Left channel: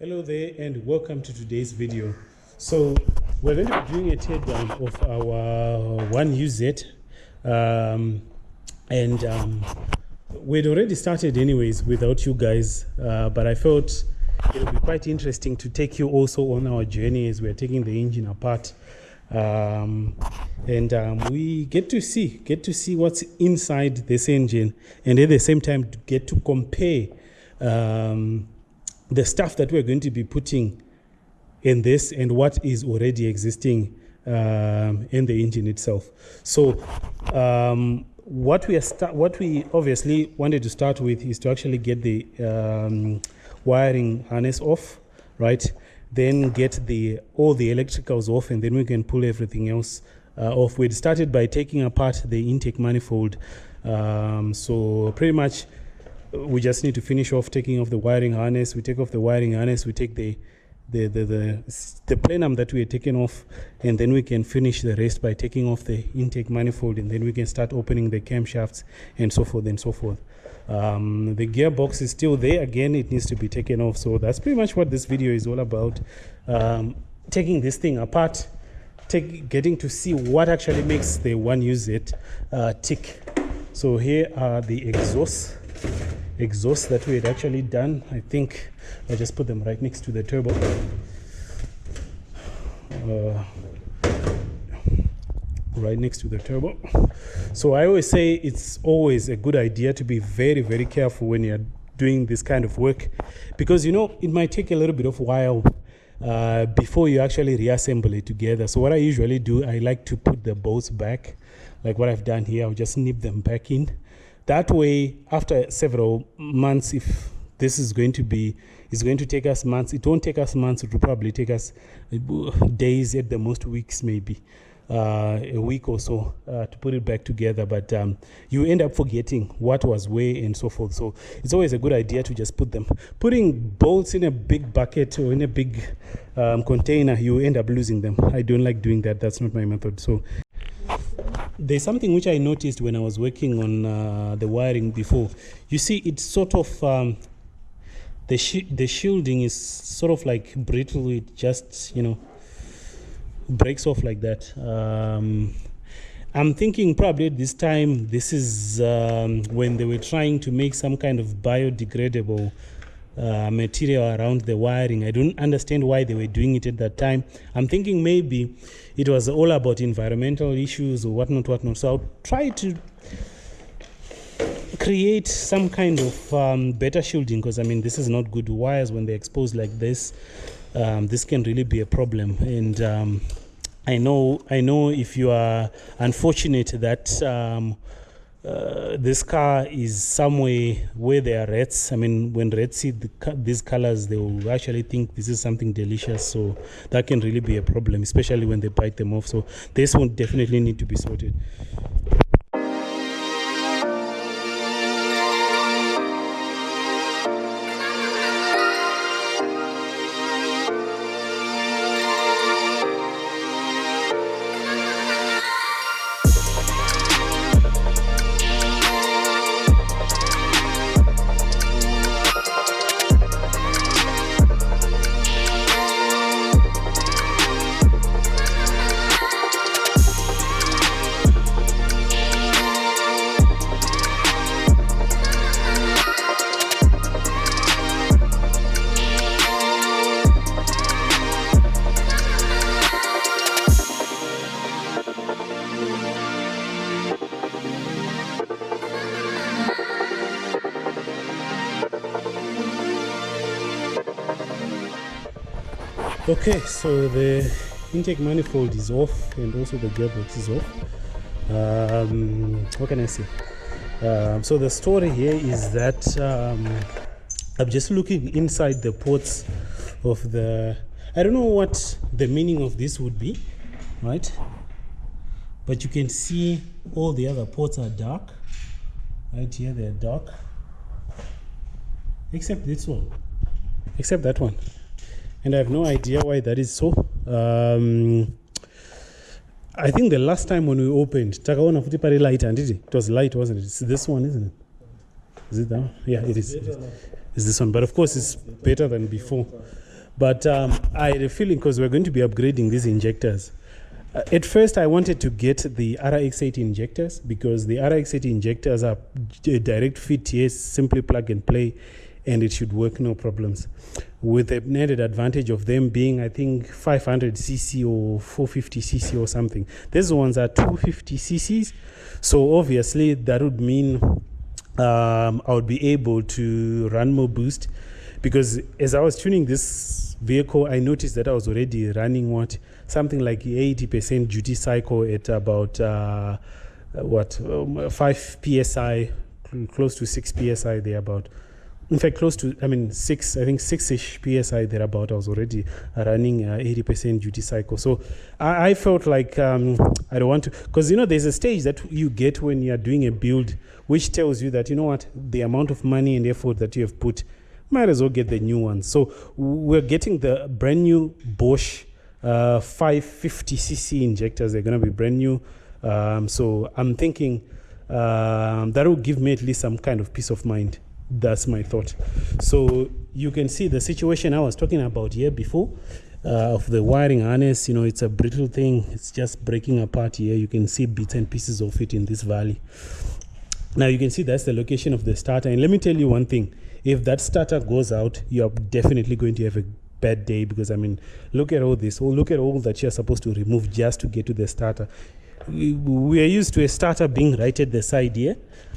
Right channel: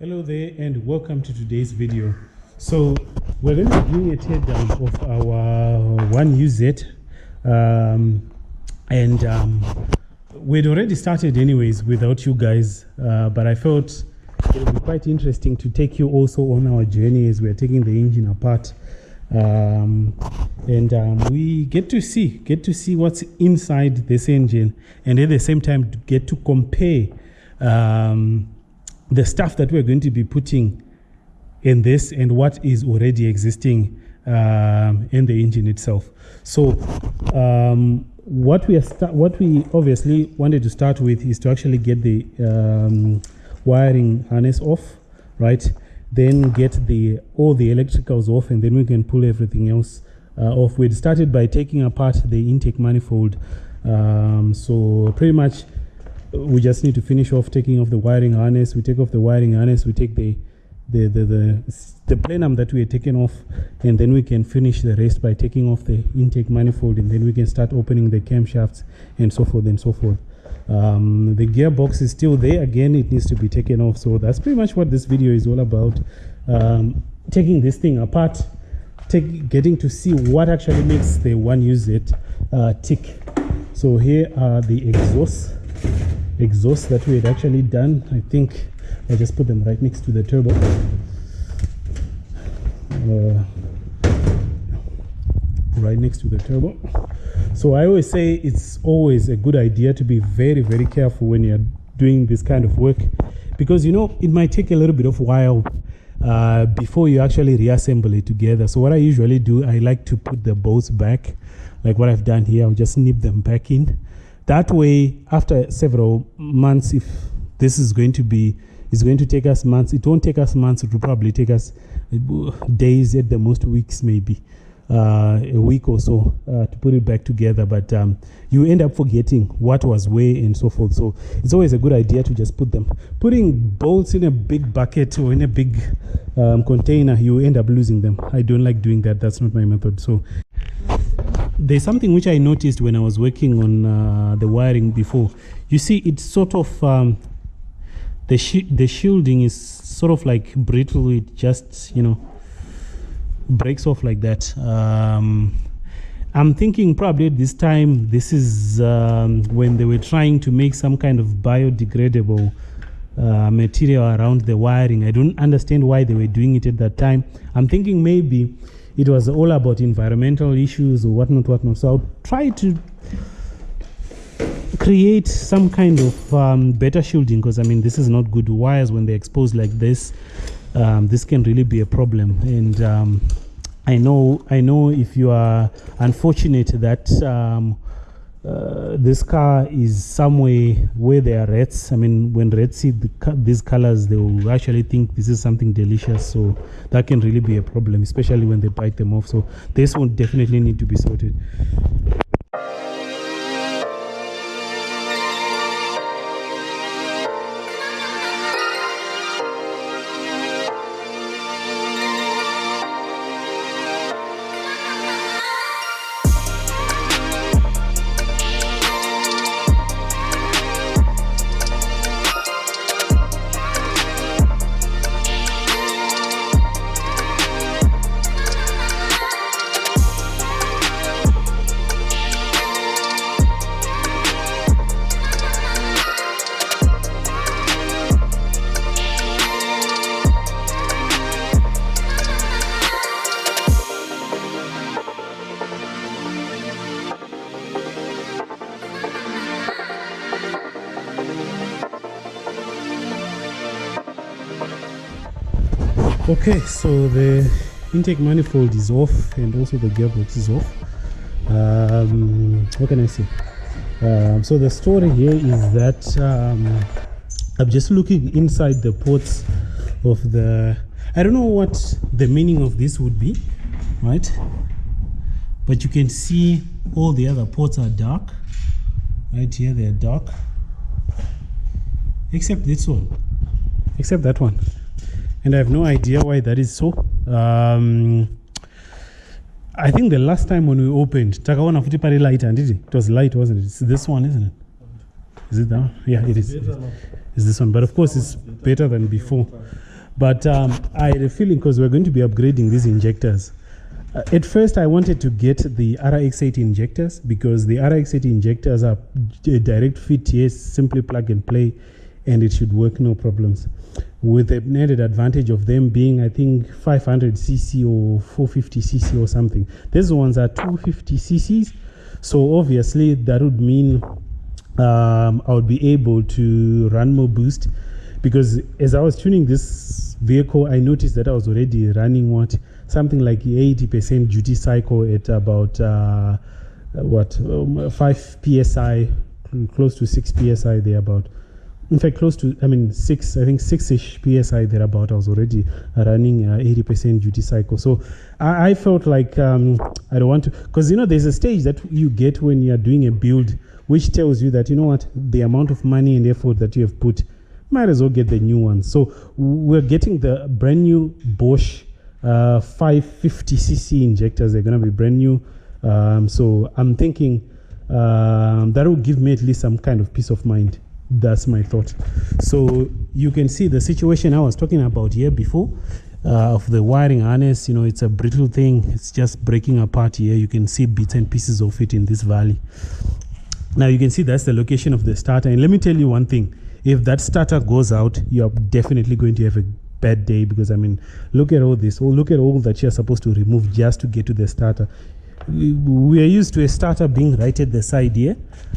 Hello there and welcome to today's video. So we're going to be doing a teardown of our 1UZ we'd already started anyways without you guys, but I felt it would be quite interesting to take you also on our journey as we're taking the engine apart, we get to see what's inside this engine, and at the same time to get to compare the stuff that we're going to be putting in this and what is already existing in the engine itself. So what we obviously wanted to start with is to actually get the wiring harness off, right? Then get all the electricals off, and then we can pull everything else off. We'd started by taking apart the intake manifold, so pretty much we just need to finish off taking off the wiring harness. We take off the wiring harness, we take the plenum that we had taken off, and then we can finish the rest by taking off the intake manifold, and then we can start opening the camshafts and so forth and so forth. The gearbox is still there. Again, it needs to be taken off. So that's pretty much what this video is all about, taking this thing apart, getting to see what actually makes the 1UZ tick. So here are the exhausts that we had actually done. I think I'll just put them right next to the turbo. Right next to the turbo. So I always say it's always a good idea to be very, very careful when you're doing this kind of work, because it might take a little bit of a while before you actually reassemble it together. So what I usually do, I like to put the bolts back, like what I've done here. I'll just snip them back in. That way, after several months, if this is going to take us months, it won't take us months, it will probably take us days, at the most weeks, maybe a week or so to put it back together. But you end up forgetting what was where and so forth. So it's always a good idea to just put them. Putting bolts in a big bucket or in a big container, you end up losing them. I don't like doing that. That's not my method. So there's something which I noticed when I was working on the wiring before. You see, it's sort of the shielding is sort of like brittle. It just breaks off like that. I'm thinking probably at this time, this is when they were trying to make some kind of biodegradable material around the wiring. I don't understand why they were doing it at that time. I'm thinking maybe it was all about environmental issues or whatnot. So I'll try to create some kind of better shielding, because this is not good. Wires, when they're exposed like this, this can really be a problem. And I know if you are unfortunate that this car is somewhere where there are rats. When rats see these colors, they will actually think this is something delicious. So that can really be a problem, especially when they bite them off. So this one definitely need to be sorted. Okay, so the intake manifold is off and also the gearbox is off. What can I say? So the story here is that I'm just looking inside the ports of the, I don't know what the meaning of this would be, right? But you can see all the other ports are dark. Right here they are dark, except this one, except that one. And I have no idea why that is so. I think the last time when we opened, Takawana futi pari light, and it was light, wasn't it? It's this one, isn't it? Is it that one? Yeah, it is. It's this one, but of course it's better than before. But I had a feeling because we're going to be upgrading these injectors. At first, I wanted to get the RX-80 injectors because the RX-80 injectors are direct fit, yes, simply plug and play, and it should work no problems. With the added advantage of them being, I think, 500cc or 450cc or something. These ones are 250cc's, so obviously that would mean I would be able to run more boost, because as I was tuning this vehicle, I noticed that I was already running something like 80% duty cycle at about 5 psi, close to 6 psi there about. In fact, close to, 6, I think 6-ish psi thereabout. I was already running 80% duty cycle. So I felt like I don't want to, because there's a stage that you get when you're doing a build which tells you that, the amount of money and effort that you have put, might as well get the new one. So we're getting the brand new Bosch 550cc injectors. They're going to be brand new. So I'm thinking that will give me at least some kind of peace of mind. That's my thought. So you can see the situation I was talking about here before of the wiring harness. It's a brittle thing. It's just breaking apart here. You can see bits and pieces of it in this valley. Now you can see that's the location of the starter. And let me tell you one thing. If that starter goes out, you're definitely going to have a bad day, because look at all this. Look at all that you're supposed to remove just to get to the starter. We are used to a starter being right at the side here,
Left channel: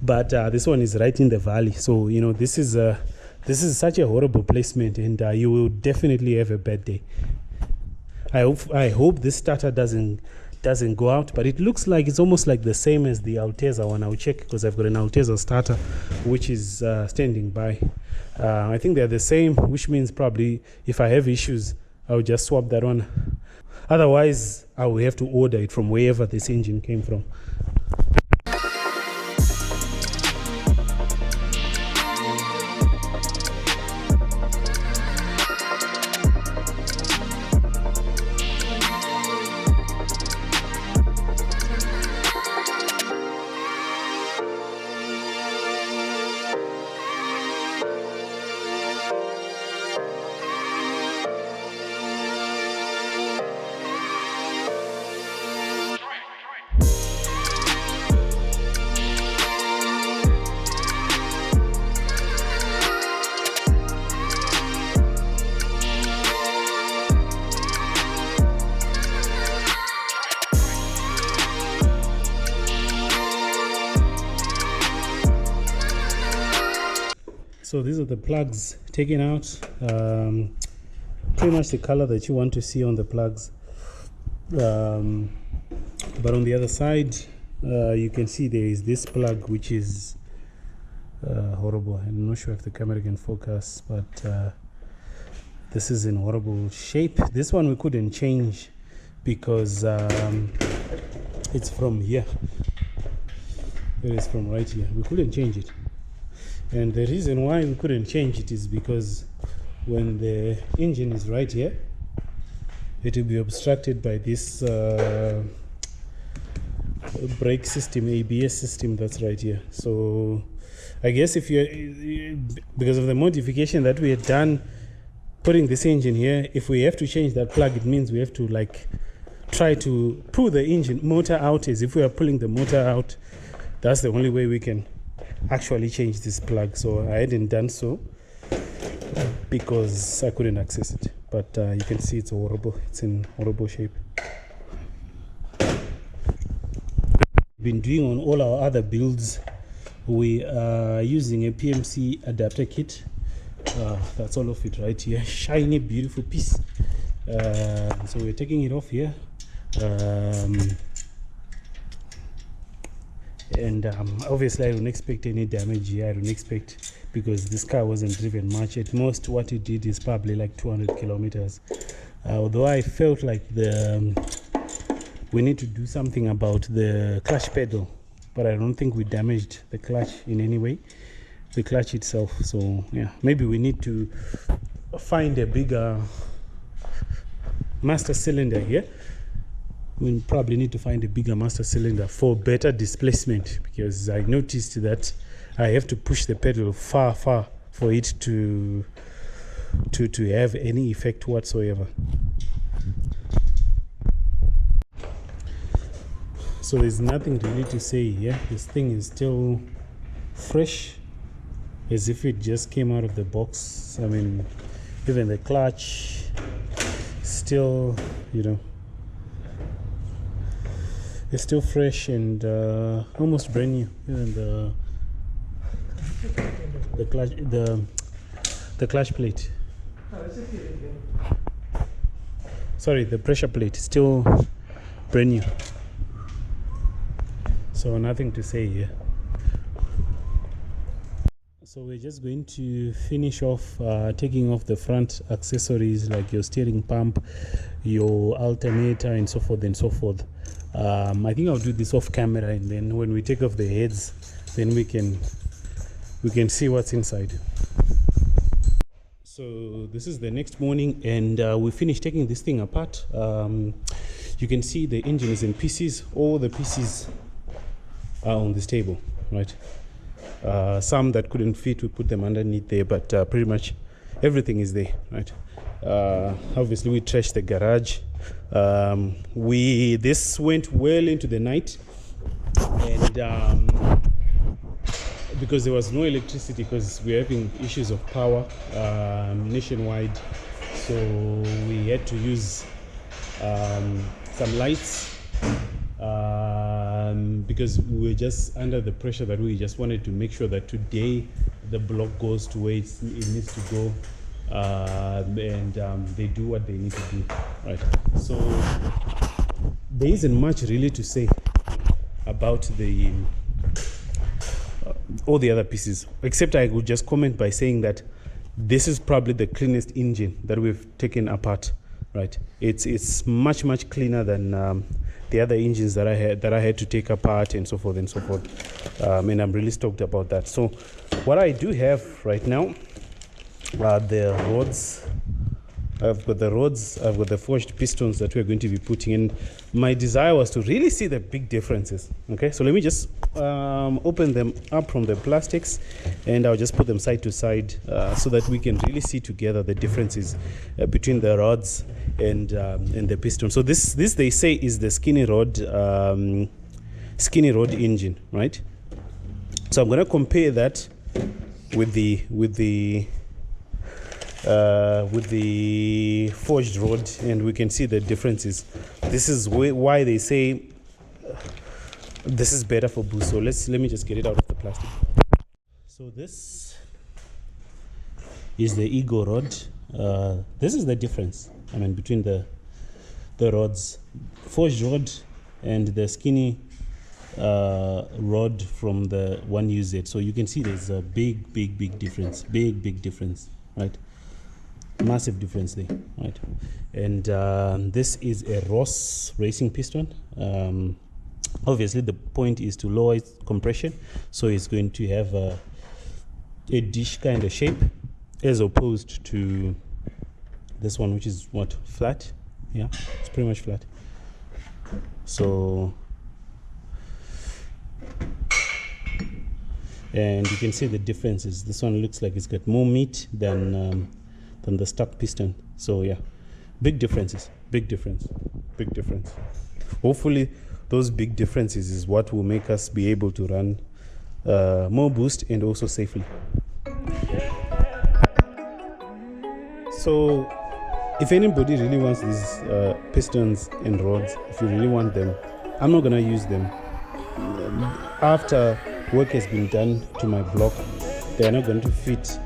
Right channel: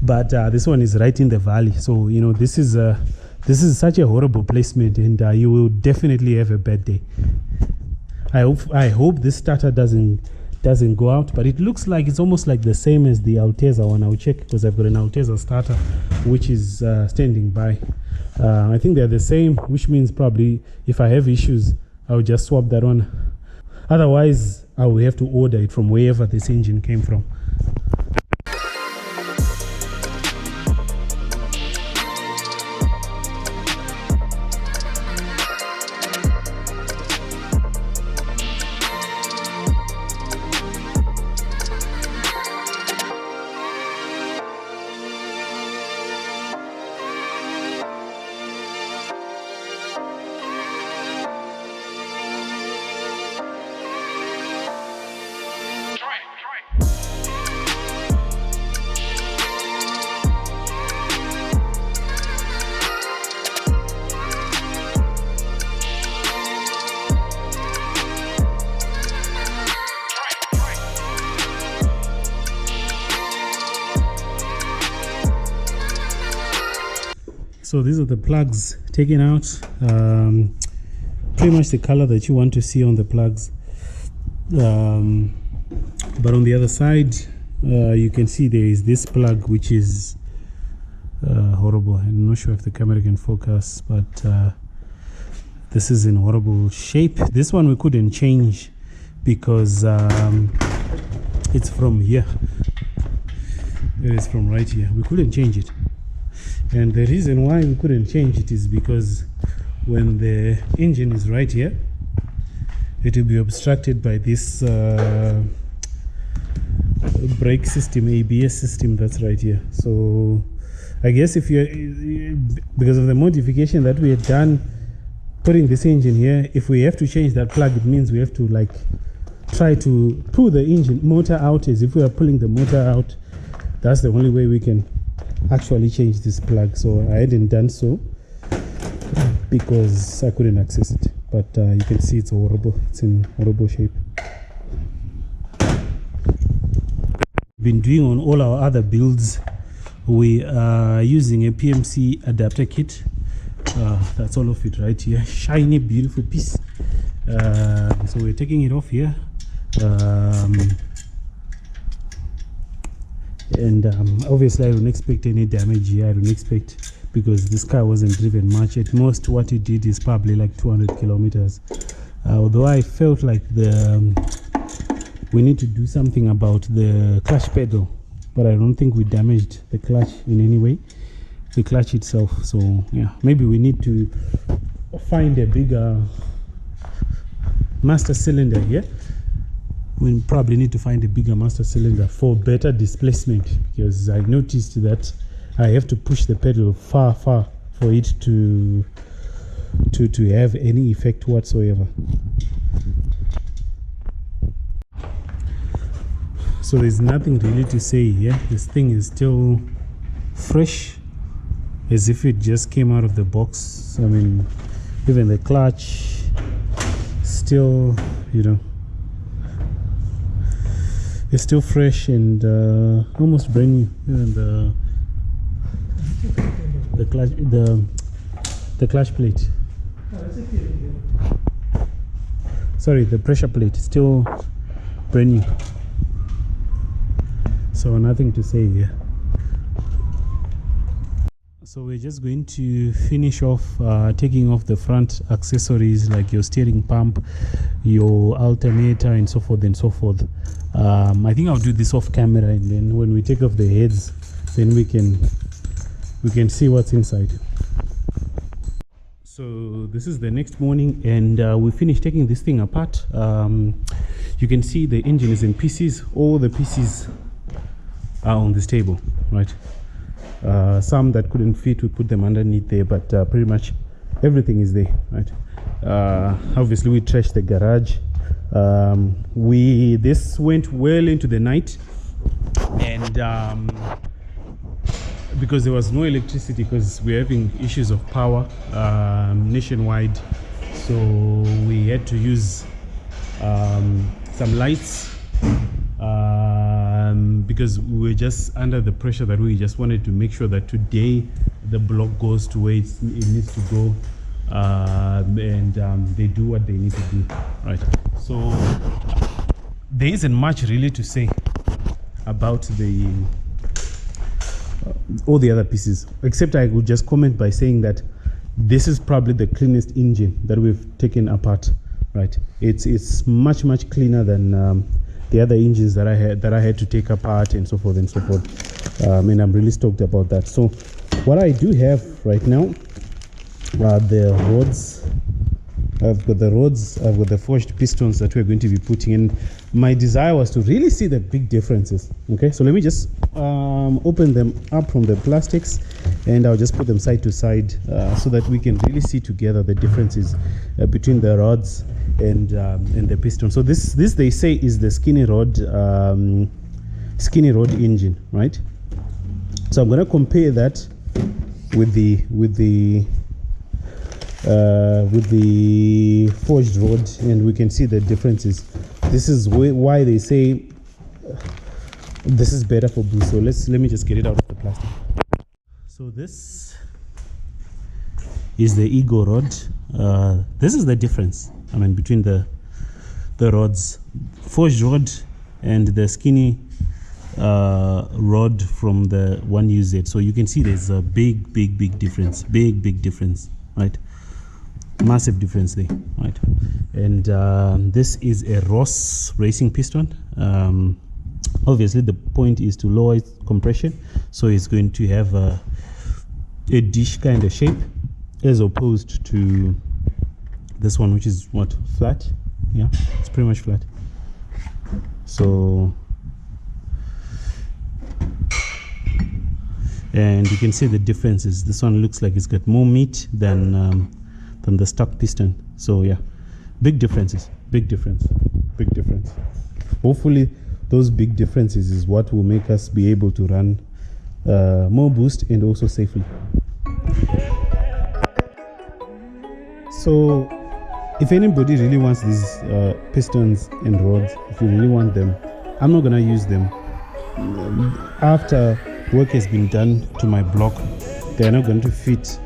but this one is right in the valley. So this is such a horrible placement, and you will definitely have a bad day. I hope this starter doesn't go out, but it looks like it's almost like the same as the Alteza one. I'll check, because I've got an Alteza starter which is standing by. I think they're the same, which means probably if I have issues, I'll just swap that one. Otherwise, I will have to order it from wherever this engine came from. So these are the plugs taken out, pretty much the color that you want to see on the plugs. But on the other side, you can see there is this plug which is horrible. I'm not sure if the camera can focus, but this is in horrible shape. This one we couldn't change because it's from here. It is from right here. We couldn't change it. And the reason why we couldn't change it is because when the engine is right here, it will be obstructed by this brake system, ABS system that's right here. So I guess if because of the modification that we had done putting this engine here, if we have to change that plug, it means we have to try to pull the engine motor out. As if we are pulling the motor out, that's the only way we can actually change this plug. So I hadn't done so because I couldn't access it, but you can see it's horrible. It's in horrible shape. Been doing on all our other builds, we are using a PMC adapter kit. That's all of it right here, shiny beautiful piece. So we're taking it off here, and obviously I don't expect any damage here. I don't expect, because this car wasn't driven much. At most what it did is probably like 200 kilometers. Although I felt like we need to do something about the clutch pedal, but I don't think we damaged the clutch in any way, the clutch itself. So yeah, maybe we need to find a bigger master cylinder here. We probably need to find a bigger master cylinder for better displacement, because I noticed that I have to push the pedal far for it to to have any effect whatsoever. So there's nothing really to say here. This thing is still fresh, as if it just came out of the box. I mean, even the clutch still, you know, it's still fresh and almost brand new. And the clutch plate, sorry, the pressure plate is still brand new. So nothing to say here. So we're just going to finish off taking off the front accessories like your steering pump, your alternator, and so forth and so forth. I think I'll do this off camera, and then when we take off the heads, then we can see what's inside. So this is the next morning, and we finished taking this thing apart. You can see the engine is in pieces. All the pieces are on this table, right? Some that couldn't fit, we put them underneath there, but pretty much everything is there, right? Obviously we trashed the garage. This went well into the night, and because there was no electricity, because we're having issues of power nationwide, so we had to use some lights, because we were just under the pressure that we just wanted to make sure that today the block goes to where it needs to go, and they do what they need to do, right? So there isn't much really to say about all the other pieces, except I would just comment by saying that this is probably the cleanest engine that we've taken apart, right? It's much cleaner than the other engines that I had to take apart, and so forth and so forth. And I'm really stoked about that. So what I do have right now are the rods. I've got the rods, I've got the forged pistons that we're going to be putting in. My desire was to really see the big differences. Okay, so let me just open them up from the plastics, and I'll just put them side to side so that we can really see together the differences between the rods and the piston. So this they say is the skinny rod engine, right? So I'm going to compare that with the forged rod, and we can see the differences. This is why they say this is better for boost. So let me just get it out of the plastic. So this is the Ego rod. This is the difference, I mean, between the rods, forged rod and the skinny rod from the 1UZ. So you can see there's a big difference, big difference, right? Massive difference there, right? And this is a Ross racing piston. Obviously the point is to lower its compression, so it's going to have a dish kind of shape, as opposed to this one, which is what, flat? Yeah, it's pretty much flat. So, and you can see the differences. This one looks like it's got more meat than the stock piston. So yeah, big differences, big difference. Hopefully those big differences is what will make us be able to run more boost and also safely. So if anybody really wants these pistons and rods, if you really want them, I'm not gonna use them. After work has been done to my block, they're not going to fit.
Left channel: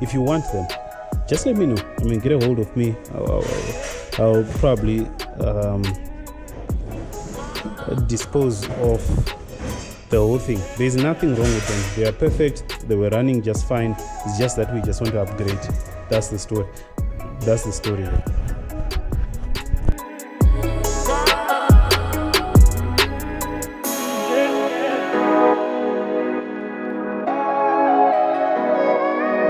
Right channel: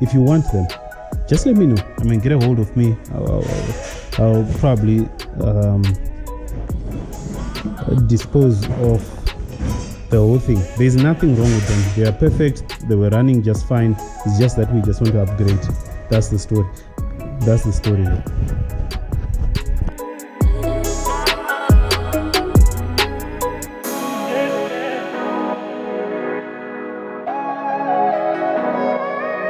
If you want them, just let me know. I mean, get a hold of me. I'll probably dispose of the whole thing. There's nothing wrong with them. They are perfect. They were running just fine. It's just that we just want to upgrade. That's the story.